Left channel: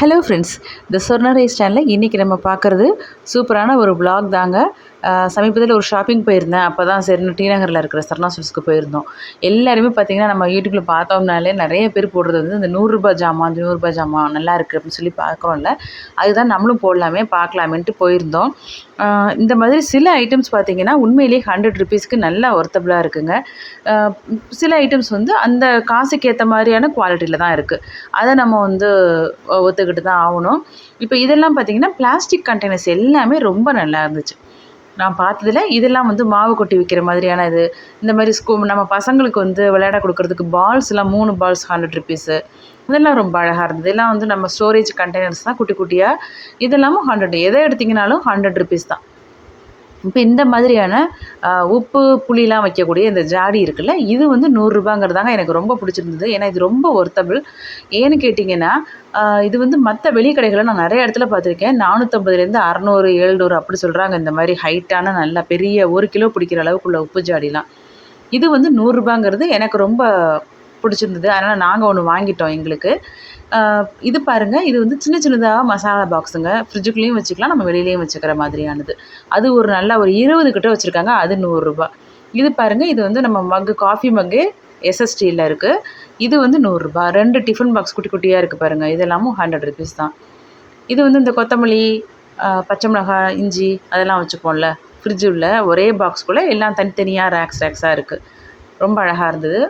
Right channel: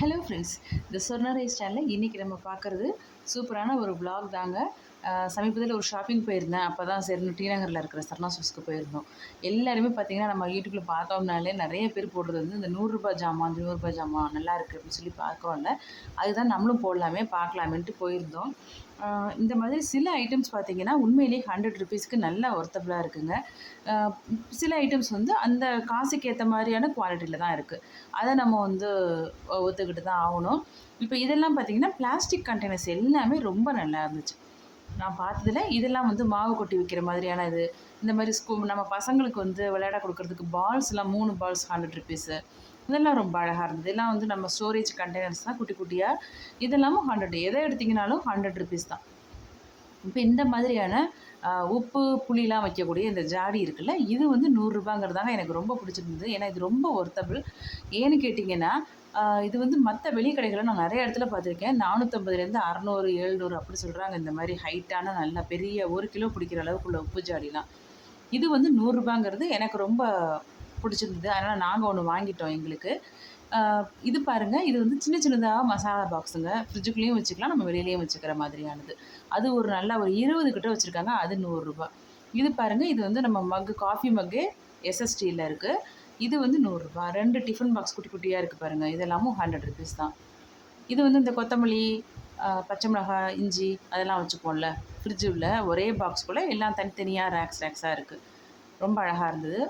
Hello friends, த Swarna rice சேனலில் இன்றைக்கி நம்ம பார்க்குறது சூப்பரான ஒரு vlog தாங்க. சமீபத்தில் ஒரு ஷாப்பிங் போயிருந்தேன். அப்போ தான் சரின்னு டி நகரில் இருக்கிற சரணா ஸ்டோர்ஸ்க்கு போயிருந்தோம். எல்லாருமே பார்த்திங்கன்னா நம்ம யூடியூப்பில் பார்த்தோம்னாலே நிறைய பேர் போடுறது வந்து இந்த ரூ. 100 ஜாமான், ரூ. 100 ஜாமான் நல்லா இருக்குது அப்படின்னு சொல்லி பார்க்குறோம்ல. அதுதான் நம்மளும் போடலாமே பார்க்கலாமேன்ட்டு போயிருந்தோம். இந்த மாதிரி சில ஐட்டம்ஸ் பார்த்திங்கன்னா உண்மையிலேயே ₹100க்கு நல்லா ஒர்த்தபுளாக இருக்குங்க. சில ஐட்டம்ஸ் வந்து அந்த காசுக்கு ஏற்ற மாதிரியான குவாலிட்டியில் தான் இருக்குது. அதை நம்ம வந்து ஒத்துக்கிட்டு தான் ஆகணும். இப்போ இதெல்லாம் பார்த்திங்கன்னா பிளாஸ்டிக் கண்டெய்னர்ஸ் எல்லாமே ரொம்ப நல்லா இருந்துச்சு. நான் பார்த்ததுல இதெல்லாம் வந்து மாவு கொட்டி விற்கிற மாதிரியான இது. இந்த மாதிரி நம்ம பசங்களுக்கு வந்து விளையாட கொடுக்குறதுக்கு பால்ஸ்லாம் 3 பால்ஸ் ₹100. இதெல்லாம் ரொம்ப அழகாக இருந்தது. இதெல்லாம் வந்து நம்ம ஸ்டோரேஜ் கண்டெய்னர்ஸ் தான் குட்டி குட்டியாக. இதெல்லாமும் 100. எதை எடுத்திங்கனாலும் ₹100 தான். இப்போ இந்த மாதிரியான உப்பு, புளிலாம் வைக்கக்கூடிய இந்த ஜாடி இருக்குல்ல, இது வந்து ₹100ங்கிறதாங்க எனக்கு ரொம்ப பிடிச்சிருந்தது. ஏன்னா இது ரொம்ப ஒர்த்தபிள். ஏன்னு கேட்டிங்கன்னா, இது வந்து மற்ற வெளி கடைகளில் நான் நிறைய இடத்துல பார்த்துருக்கேன். 450லேருந்து 600, 700 அப்படி சொல்கிறாங்க. இந்த மாதிரி ஹைட்டான நல்ல பெரிய 1 கிலோ பிடிக்கிற அளவுக்குள்ள உப்பு ஜாடிலாம். இது வந்து ₹100ங்கிறது எனக்கு ரொம்ப பிடிச்சிருந்தது. அதனால் நாங்கள் ஒன்று வாங்கிட்டோம் எங்களுக்கு. இது பாருங்கள், இது வந்து சின்ன சின்னதாக மசாலா பாக்ஸுங்க. ஃப்ரிட்ஜுக்குள்ளேயும் வச்சுக்கலாம், நம்ம வெளியிலேயும் வச்சுக்கிற மாதிரியானது. அது ஒரு நல்லா ஒரு 20 கிட்ட வச்சுருக்காங்க. அது ₹100. இது பாருங்கள், இது வந்து நம்ம மக்கு, காஃபி மக்கு எஸ்எஸ்டியில் இருக்குது. இது வந்து ₹100. 2 டிஃபன் பாக்ஸ் குட்டி குட்டியாக இருக்குது பாருங்கள். இதெல்லாமும் ₹100 தான். இது வந்து இந்த கொத்தமல்லி, பச்சை மிளகாய், இஞ்சி அதெல்லாம் வச்சுப்போம்ல ஃப்ரிட்ஜுள்ள ஒரே பாக்ஸ்குள்ளே எல்லாம் தனித்தனியாக ரேக்ஸாக இருக்குது. ரொம்ப அழகாக இருந்தது.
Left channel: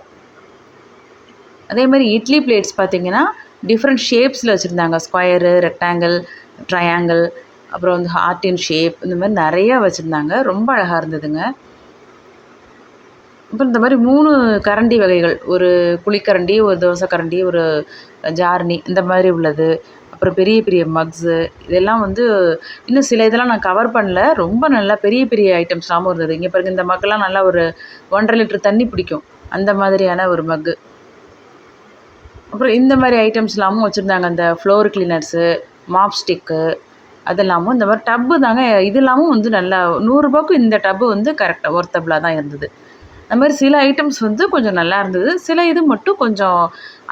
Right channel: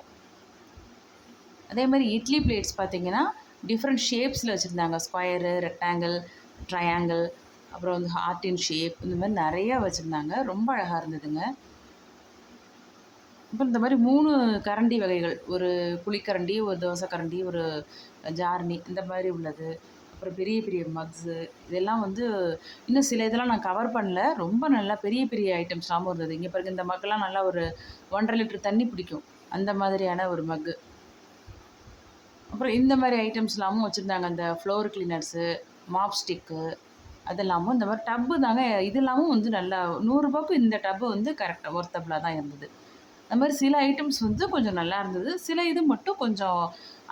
அதே மாதிரி இட்லி பிளேட்ஸ் பார்த்திங்கன்னா டிஃப்ரெண்ட் ஷேப்ஸில் வச்சுருந்தாங்க. ஸ்கொயரு, ரெக்டாங்கிள், ட்ரையாங்கிள், அப்புறம் வந்து ஹார்ட் இன் ஷேப், இந்த மாதிரி நிறையா வச்சுருந்தாங்க. ரொம்ப அழகாக இருந்ததுங்க. அப்புறம் இந்த மாதிரி 3 கரண்டி வகைகள், ஒரு குழிக்கரண்டி, ஒரு தோசை கரண்டி, ஒரு ஜார்னி, இந்த மாதிரி உள்ளது. அப்புறம் பெரிய பெரிய மக்ஸு, இதெல்லாம் வந்து இன்னும் சில இதெல்லாம் நான் கவர் பண்ணல. ரொம்ப நல்லா பெரிய பெரிய ஐட்டம்ஸ்லாமும் இருந்தது. இங்கே பாருங்கள், இந்த மக்கெல்லாம் நல்லா ஒரு 1.5 லிட்டர் தண்ணி பிடிக்கும், அந்த மாதிரியான ஒரு மக்கு. அப்புறம் இந்த மாதிரி ஐட்டம்ஸ்லாமும் வச்சுருந்தாங்க. அந்த ஃப்ளோர் கிளீனர்ஸு, மாப் ஸ்டிக்கு, அதெல்லாமும். இந்த மாதிரி டப்பு தாங்க. இதெல்லாமும் வந்து நல்லா ₹100க்கு இந்த டப்பு வந்து கரெக்டாக ஒர்த்தபுளாக தான் இருந்தது. அந்த மாதிரி சில ஐட்டம்ஸ் வந்து கொஞ்சம் நல்லா இருந்தது. சில இது மட்டும் கொஞ்சம்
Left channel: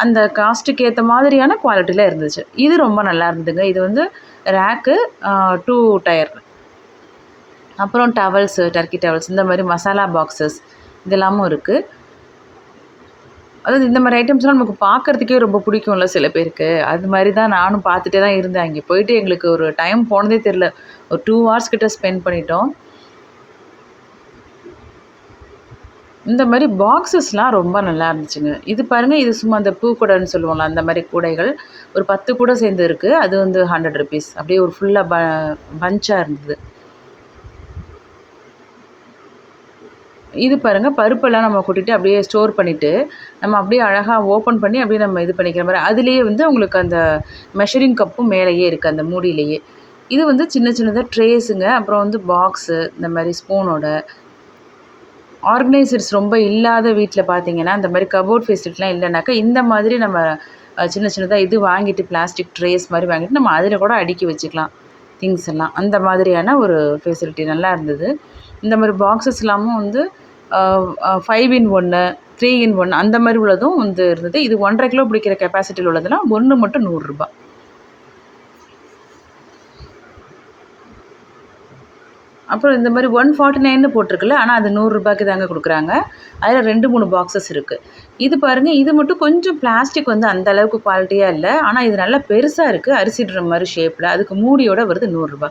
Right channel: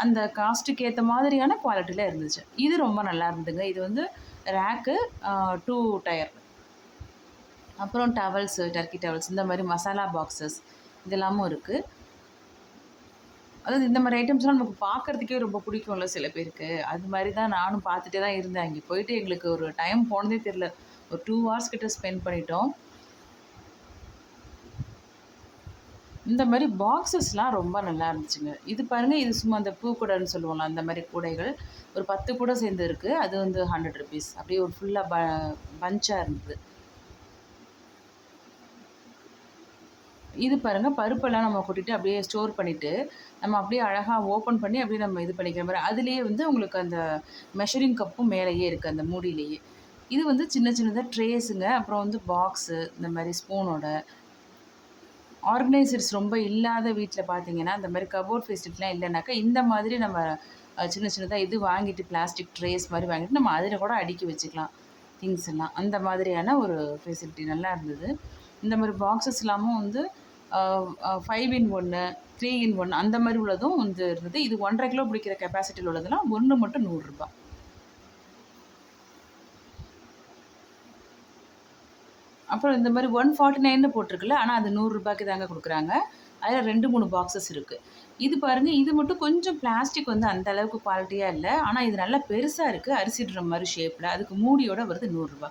அந்த காஸ்ட்டுக்கு ஏற்ற மாதிரியான குவாலிட்டியில் இருந்துச்சு. இது ரொம்ப நல்லா இருந்ததுங்க. இது வந்து ரேக்கு, 2 டயர். அப்புறம் டவல்ஸு, டர்க்கி டவல்ஸ், இந்த மாதிரி மசாலா பாக்ஸஸ் இதெல்லாமும் இருக்குது. அதாவது இந்த மாதிரி ஐட்டம்ஸ்லாம் நமக்கு பார்க்குறதுக்கே ரொம்ப பிடிக்கும்ல சில பேருக்கு. அது மாதிரி தான் நானும் பார்த்துட்டே தான் இருந்தேன். அங்கே போயிட்டு எங்களுக்கு ஒரு டைம் போனதே தெரில. ஒரு 2 ஹவர்ஸ் கிட்ட ஸ்பெண்ட் பண்ணிட்டோம். இந்த மாதிரி பாக்ஸஸ்லாம் ரொம்ப நல்லா இருந்துச்சுங்க. இது பாருங்கள், இது சும்மா அந்த பூக்கூடைன்னு சொல்லுவோம்ல, அந்த மாதிரி கூடைகள். ஒரு 10 கூடை சேர்ந்து இருக்குது. அது வந்து ₹100. அப்படியே ஒரு ஃபுல்லாக பஞ்சாக இருந்தது. இது பாருங்கள், பருப்பெல்லாம் நம்ம கொட்டிட்டு அப்படியே ஸ்டோர் பண்ணிவிட்டு நம்ம அப்படியே அழகாக ஓப்பன் பண்ணி அப்படியே நம்ம இது பண்ணிக்கிற மாதிரி. அதுலேயே வந்து உங்களுக்கு அந்த மெஷரிங் கப்பும் மேலேயே இருக்குது அந்த மூடியிலேயே. இது வந்து சின்ன சின்னதாக ட்ரேஸுங்க. அப்புறம் வந்து பாக்ஸு, இந்த மாதிரி ஸ்பூனோட. ஆர்கனைசர்ஸ் ரொம்ப இல்லாத வீட்டில் பார்த்தீங்கன்னா, இந்த மாதிரி கபோர்ட் ஃபெசிலிட்டிலாம் இல்லைனாக்கா இந்த மாதிரி நம்ம சின்ன சின்னதாக இது வாங்கிட்டு பிளாஸ்டிக் ட்ரேஸ் மாதிரி வாங்கிட்டு நம்ம அதில் கூட அடுக்கி வச்சுக்கலாம் திங்ஸ் எல்லாம். அந்த மாதிரியான ஒரு ஃபெசிலிட்டி நல்லா இருந்தது. இந்த மாதிரி பாக்ஸஸ் எல்லாமும் வந்து 5 in 1, 3 in 1 அந்த மாதிரி உள்ளதும் வந்து இருந்தது. இது 1.5 கிலோ பிடிக்கிற கெப்பாசிட்டியில் உள்ளதெல்லாம் ஒன்று மட்டும் ₹100. அப்புறம் இந்த மாதிரி 149ன்னு போட்டிருக்குல்ல, ஆனால் அது ₹100க்கு தாங்க கொடுக்குறாங்க. அதில் 2, 3 பாக்ஸஸ் இருக்குது. இது பாருங்கள், இது மட்டும் கொஞ்சம் பிளாஸ்டிக் வந்து அந்த அளவுக்கு குவாலிட்டியாக இல்லை. ஆனால் இது நல்லா பெருசாக இருக்குது, அரிசி ட்ரம் மாதிரி ஷேப்பில். அதுக்கு மூடியோட வருது ₹100.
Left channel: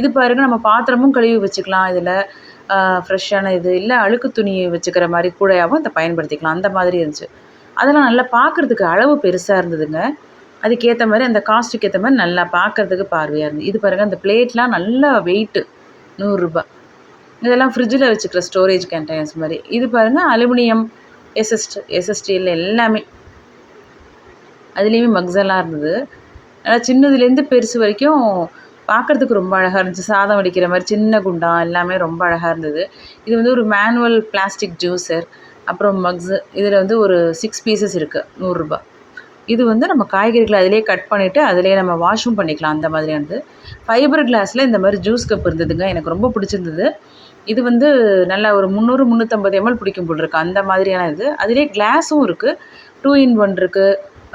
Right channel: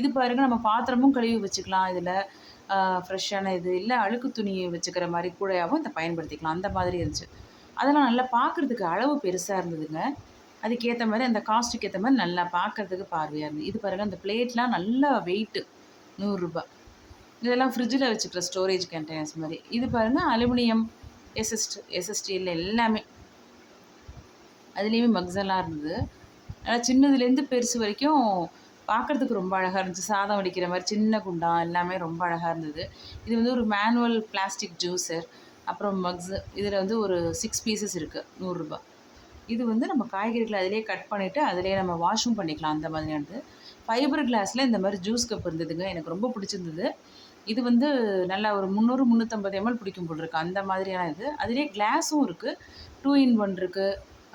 இது பாருங்கள், நம்ம பாத்திரமும் கழுவி வச்சுக்கலாம் இதில். ஃப்ரெஷ்ஷான இது இல்லை, அழுக்கு துணி வச்சுக்கிற மாதிரி கூடையாகவும் இதை பயன்படுத்திக்கலாம். அந்த மாதிரி இருந்துச்சு. அதெல்லாம் நல்லா பார்க்குறதுக்கு அளவு பெருசாக இருந்ததுங்க. அதுக்கேற்ற மாதிரி அந்த காஸ்ட்டுக்கு ஏற்ற மாதிரி நல்லா பார்க்குறதுக்கு பார்வையாக இருந்தது. இது பாருங்கள், அந்த பிளேட்லாம் நல்லா வெயிட்டு, ₹100. இதெல்லாம் ஃப்ரிட்ஜில் வச்சுக்கிற ஸ்டோரேஜ் கண்டெய்னர்ஸ் மாதிரி. இது பாருங்கள், அலுமினியம், எஸ்எஸ்டியில் எல்லாமே. அதுலேயுமே மக்ஸ் எல்லாம் இருந்தது. நல்லா சின்னதுலேருந்து பெருசு வரைக்கும் பார்க்குறதுக்கு ரொம்ப அழகாக இருந்துச்சு. சாதம் வடிக்கிற மாதிரி சின்ன குண்டான் எல்லாமே ரொம்ப அழகாக இருந்தது. இது வந்து ஒரு மேனுவல் பிளாஸ்டிக் ஜூஸர். அப்புறம் மக்ஸு. இதில் வந்து ஒரு 6 பீசஸ் இருக்குது, ₹100. இது வந்து நம்ம காய்கறிகளை அதிலே கட் பண்ணிவிட்டு அதிலே நம்ம வாஷும் பண்ணிக்கலாம், அந்த மாதிரியானது. ஃபைபர் கிளாஸில் இந்த மாதிரி ஜூஸ் கப் இருந்ததுங்க. எனக்கு ரொம்ப பிடிச்சிருந்தது. இது வந்து நல்லா ஒரு 300, 350 ml பிடிக்கும் போல் இருக்குது, அந்த மாதிரியான இது. அதிலே கிளாஸும் இருக்குது, 2 in 1 இருக்குது,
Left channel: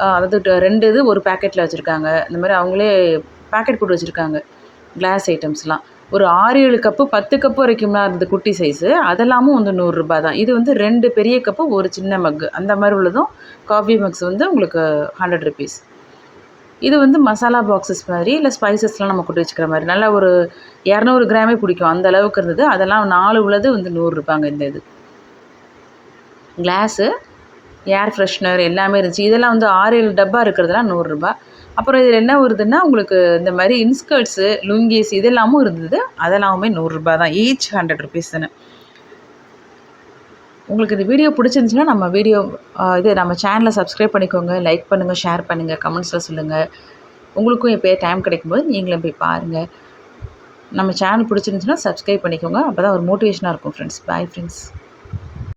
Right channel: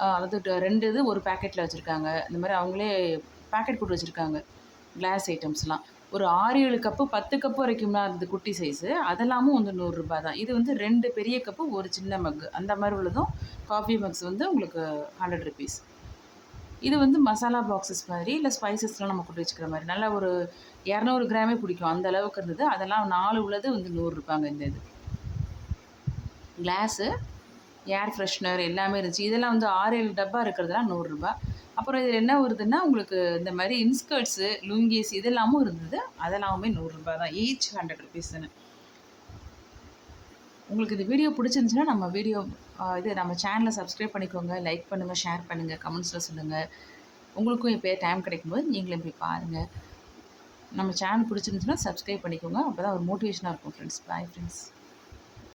அதாவது 2 இது ஒரு பேக்கெட்டில் வச்சுருக்காங்க. இந்த மாதிரி அவங்களே பேக்கெட் போட்டு வச்சுருக்காங்க கிளாஸ் ஐட்டம்ஸ்லாம். ஒரு 6, 7 கப்பு 10 கப்பு வரைக்கும்லாம் இருந்தது குட்டி சைஸு. அதெல்லாமும் வந்து ரூ. 100 தான். இது வந்து 2 பெரிய கப்பு, ஒரு சின்ன மக்கு அந்த மாதிரி உள்ளதும் காஃபி மக்ஸ் வந்து உங்களுக்கு ₹100. இது வந்து மசாலா பாக்ஸஸ் மாதிரி, இல்லை ஸ்பைசஸ்லாம் நம்ம கொட்டி வச்சுக்கிற மாதிரி நல்லா ஒரு 200 கிராமே பிடிக்கும் அந்த அளவுக்கு இருந்தது. அதெல்லாம் 4 உள்ளது வந்து ₹100 இந்த இது. கிளாஸு, ஏர் ஃப்ரெஷ்னர் எல்லாமே இருந்துச்சு. இதெல்லாம் வந்து 6, 7 டப்பா இருக்கிறதுலாம் ₹100. அப்புறம் இதில் என்ன வருதுன்னா உங்களுக்கு இந்த மாதிரி இன்ஸ்கர்ட்ஸு, லுங்கீஸ் இதெல்லாமும் இருந்தது. அதெல்லாமுமே ₹100 தான். ஈச் ₹100 தானே. உங்களுக்கு இந்த வீடியோ பிடிச்சிருந்துச்சுன்னா நம்ம சேனலை சப்ஸ்கிரைப் பண்ணிக்கோங்க, லைக் பண்ணுங்கள், ஷேர் பண்ணுங்கள், கமெண்ட்ஸில் சொல்லுங்கள். உங்களுக்கும் எப்போயே டைம் கிடைக்கும்போது நீங்களும் போய் பாருங்கள். நம்ம சேனல் பிடிச்சிருந்துச்சுன்னா சப்ஸ்கிரைப் பண்ணிக்கோங்க. அப்போ தான் ஒரு மோட்டிவேஷனாக இருக்கும் ஃப்ரெண்ட்ஸ். Bye friends.